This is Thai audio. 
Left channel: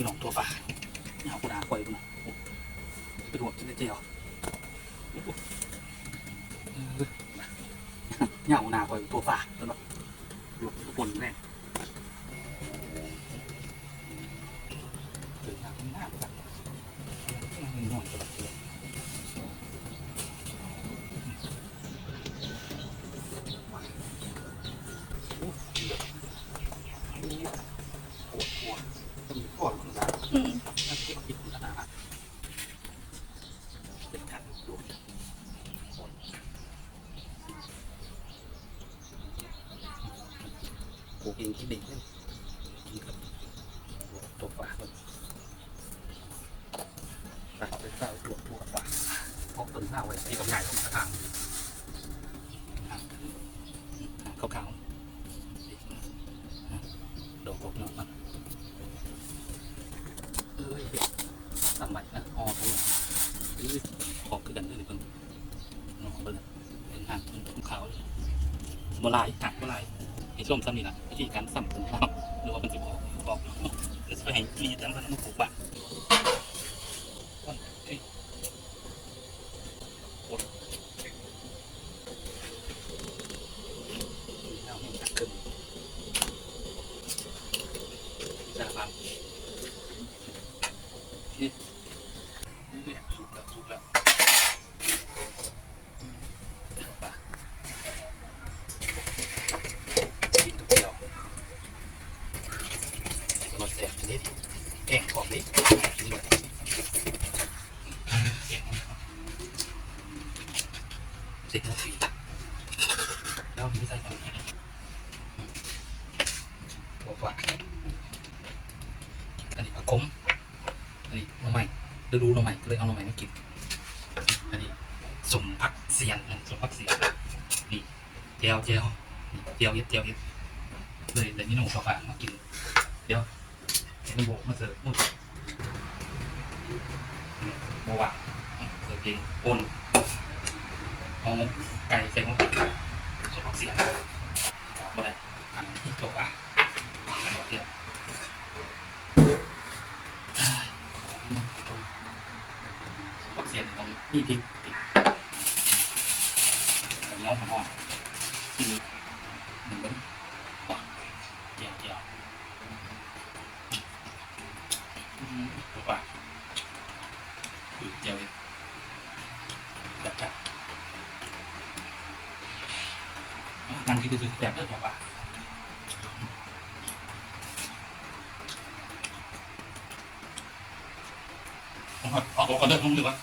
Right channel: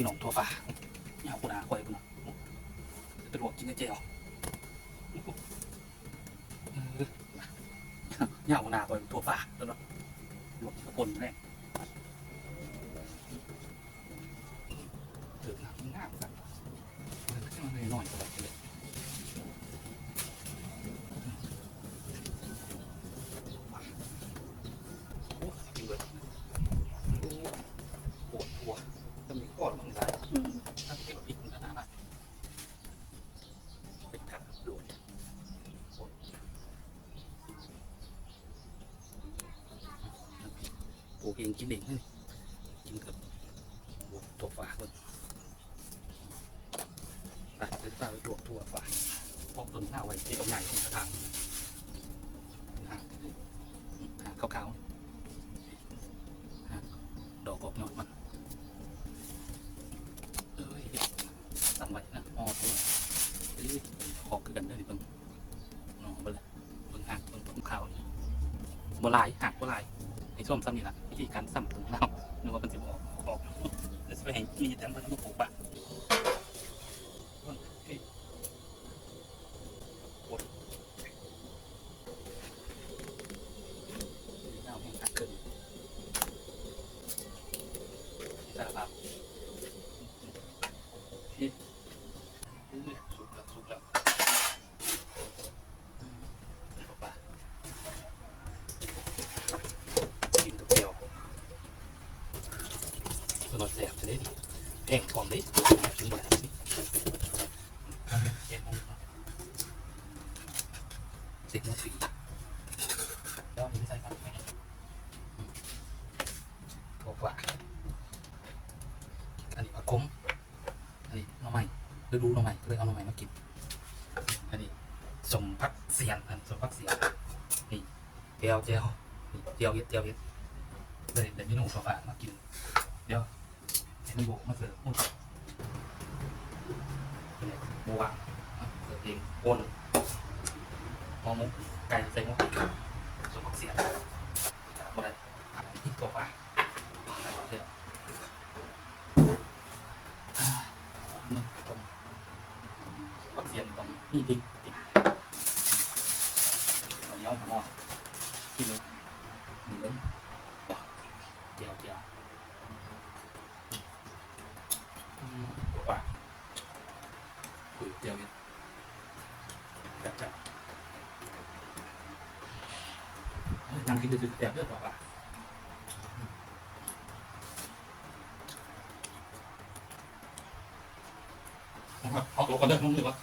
พี่น้องตัวปลาเนี่ยกคนหาควยพี่น้องเป็นหัวจินเจียวเนี่ยกคนหาควยตัวปลาตัวน้อง นกินเองเลยกินกินตัวฝาตัวไปเป็นสาตัวตัวฝาพกต้นข้าวไว้ที่ตรงใหญ่ตรงกระถางขาวๆดอกออกนอกมาเอ้ยทำไว้นะออกเลยออกคือกันเลยเพิ่งนอกเลยเพิ่งหักเพิ่งตรงเขาเลยบ่ลายหักบ่ลาย ไอ้ส้มซ้ำนี่ละวิธีการซ้ำตรงเราหรือว่ามันจะบอกบอกจะไปให้มีแต่มันต้องปลูกบ้านจะครับ เนี่ยสุกแล้วสุกแล้วป่ะกินกับเดียวส นอยแสบจะได้ดีแกงกรอบดิกินแบบนี้แกงอ่อมเจแล้วมีใส่กันบอกว่าอันนี้ผักขมอันนี้หน้ำใหม่ฤดูหน่อไม้ก็เลยเอาหน่อไม้มากินอันนี้สมพักเสียนอันสมพักเสียนนี่เจียวเจียวเจียวเย็ดเจียวเย็ดเลยเดี๋ยวนี้หนุ่มฝากมากินเดี๋ยว เห็นโบกมาเสิร์ฟหมดเนี่ยโบวเสิร์ฟเองโอนเอาไก่ใส่หมดสมพักเสียนหมดเลยอันนี้ตัวอะอันนี้เดียวปักเสียตรงนี้ที่ติดเนื้อหอมที่นี้เจียวเจียวตัวปลา เจียวนั่งกินคือแบบเลือดตัวปลาเอก่อนเดินลงดีกว่า